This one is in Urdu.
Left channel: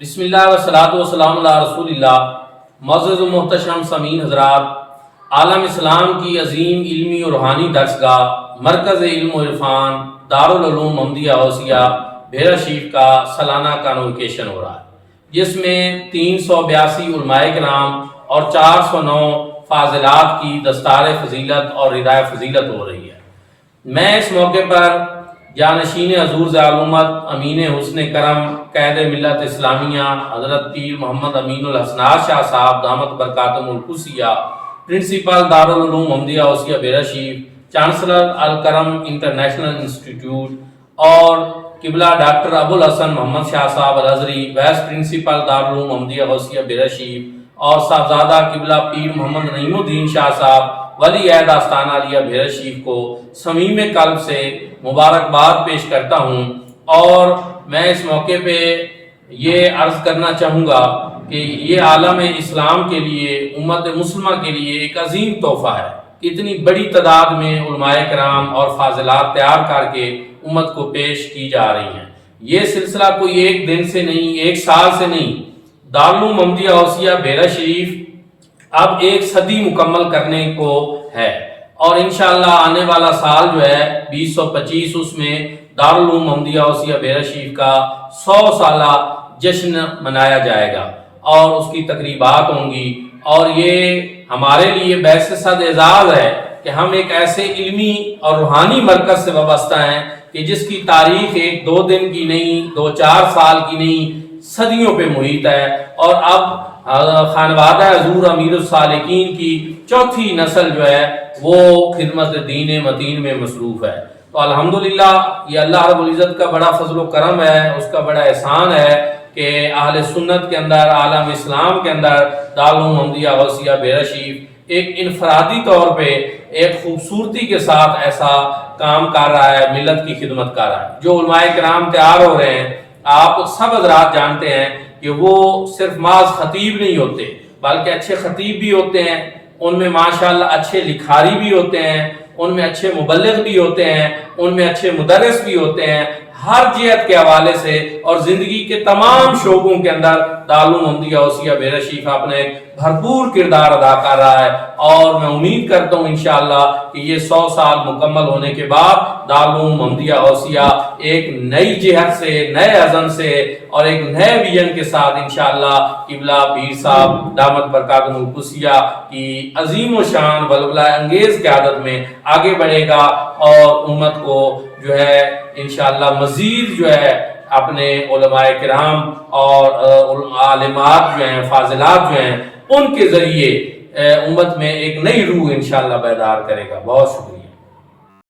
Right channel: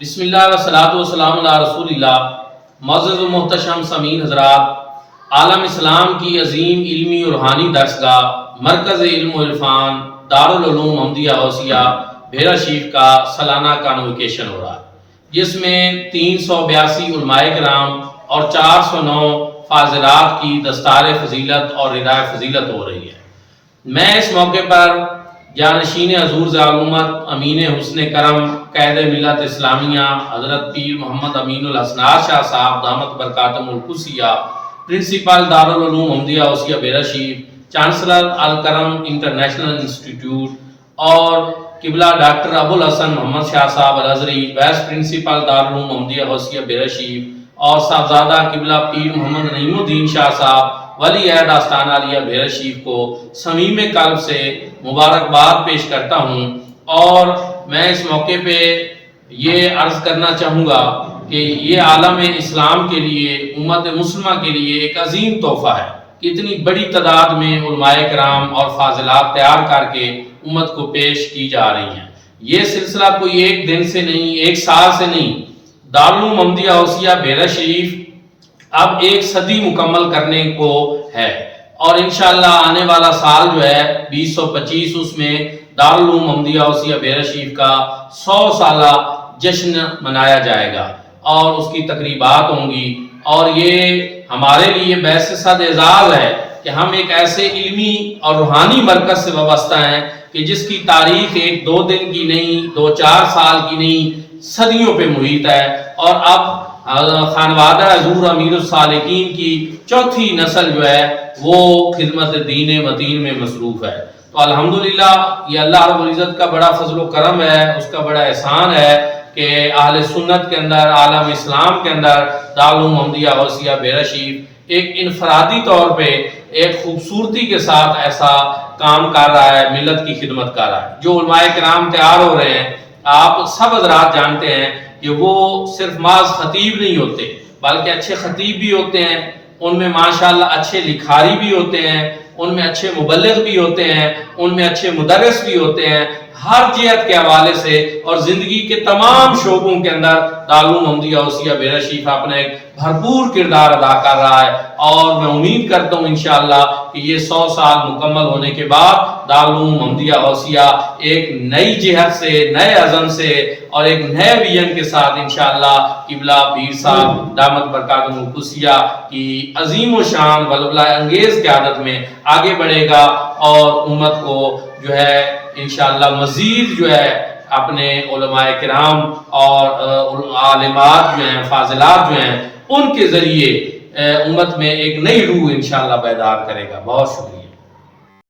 بسم اللہ والصلاۃ والسلام علی رسول اللہ۔ معزز و محتشم سامعین حضرات، عالم اسلام کی عظیم علمی اور روحانی درسگاہ مرکز علم و عرفان دارالعلوم محمدیہ غوثیہ بحیرہ شریف کا سالانہ کانوکیشن ہو رہا ہے، جس میں 382 علماء کرام اور 409 فاضلات کی دستار فضیلت اور ردائے فضیلت ہو رہی ہے۔ میں اس موقع پر جانشین حضور ذالامت امین حسن کرم قائد ملت اسلامیہ حضرت پیر محمد امین الحسنات شاہ صاحب دامت برکاتہم القدسیہ، پرنسپل دارالعلوم محمدیہ غوثیہ بحیرہ شریف، چانسلر الکرم انٹرنیشنل انسٹیٹیوٹ، اور قبلہ ڈاکٹر ابوالحسن محمد شاہ صاحب الازہری، وائس پرنسپل دارالعلوم محمدیہ غوثیہ بحیرہ شریف، اور صاحبزادہ قبلہ پیر محمد نعیم الدین شاہ صاحب ولی عہد آستانہ عالیہ بحیرہ شریف کو صمیم قلب سے مبارکباد پیش کرتا ہوں۔ اور میں اس موقع پہ یہ عرض کرنا چاہوں گا کہ یہ عالم اسلام کے لیے، امت مسلمہ کے لیے ایک عظیم تحفہ ہے کہ اتنی بڑی تعداد میں علماء کرام اور فاضلات تیار کر کے امت کو پیش کی جا رہی ہیں۔ یہ سلسلہ کوئی ایک دن سے نہیں، ایک سال سے نہیں، دارالعلوم محمدیہ غوثیہ بحیرہ شریف اب ایک صدی مکمل کرنے کو ہے، اور انشاءاللہ آنے والا سال جو ہے 2025، اس میں دارالعلوم محمدیہ غوثیہ بحیرہ شریف کا 100 سالہ جشن منایا جائے گا اور اس کی تقریبات ہوں گی۔ اور یہ ہمارے لیے باعث صد اعزاز ہے کہ ہم ایک ایسے علمی اور روحانی مرکز سے وابستہ ہیں کہ جس کی تاریخ ایک دو دن کی نہیں، 2-4 سال کی نہیں، صدیوں پہ محیط ہے، اور اب خانوادہ حضور امیر الصالحین کی چوتھی نسل جو ہے وہ خدمت دین متین میں مصروف ہے۔ تو الحمدللہ یہ اللہ رب العزت کا بڑا فضل و کرم ہے، اس کا بڑا احسان ہے کہ اہل سنت کے اندر، عالم اسلام کے اندر دارالعلوم محمدیہ غوثیہ بحیرہ شریف ایک انفرادی طور پہ ایک خوبصورتی کے ساتھ ایسا کام کر رہا ہے، ملت کی خدمت کر رہا ہے۔ جو علماء کرام تیار ہو رہے ہیں، آپ سب حضرات جانتے ہیں کہ وہ صرف محض خطیب نہیں ہوتے، بلکہ اچھے خطیب بھی ہوتے ہیں، ان میں ماشاءاللہ اچھے لکھاری بھی ہوتے ہیں، ان میں اچھے مبلغ بھی ہوتے ہیں، ان میں اچھے مدرس بھی ہوتے ہیں۔ ہر جہت کے حوالے سے اور زندگی کے تمام شعبوں کے اندر دارالعلوم محمدیہ غوثیہ بحیرہ شریف اپنا ایک بھرپور کردار ادا کر رہا ہے، اور میں امید کرتا ہوں انشاءاللہ کہ یہ 100 سال مکمل ہونے کے بعد دارالعلوم محمدیہ غوثیہ ایک نئی جہت سے، نئے عزم سے اور ایک نئے ویژن کے ساتھ انشاءاللہ قبلہ پیر صاحب دامت برکاتہم القدسیہ کی عظیم و شان ولولہ انگیز قیادت میں آگے بڑھے گا، اور امت کو جو ہے انشاءاللہ مزید جو ہے اپنے علماء کرام اور عالمات جو ہیں، فاضلات جو ہیں، ان کے ذریعے امت میں ایک نئی روح انشاءاللہ بیدار کرے گا۔ بہت شکریہ۔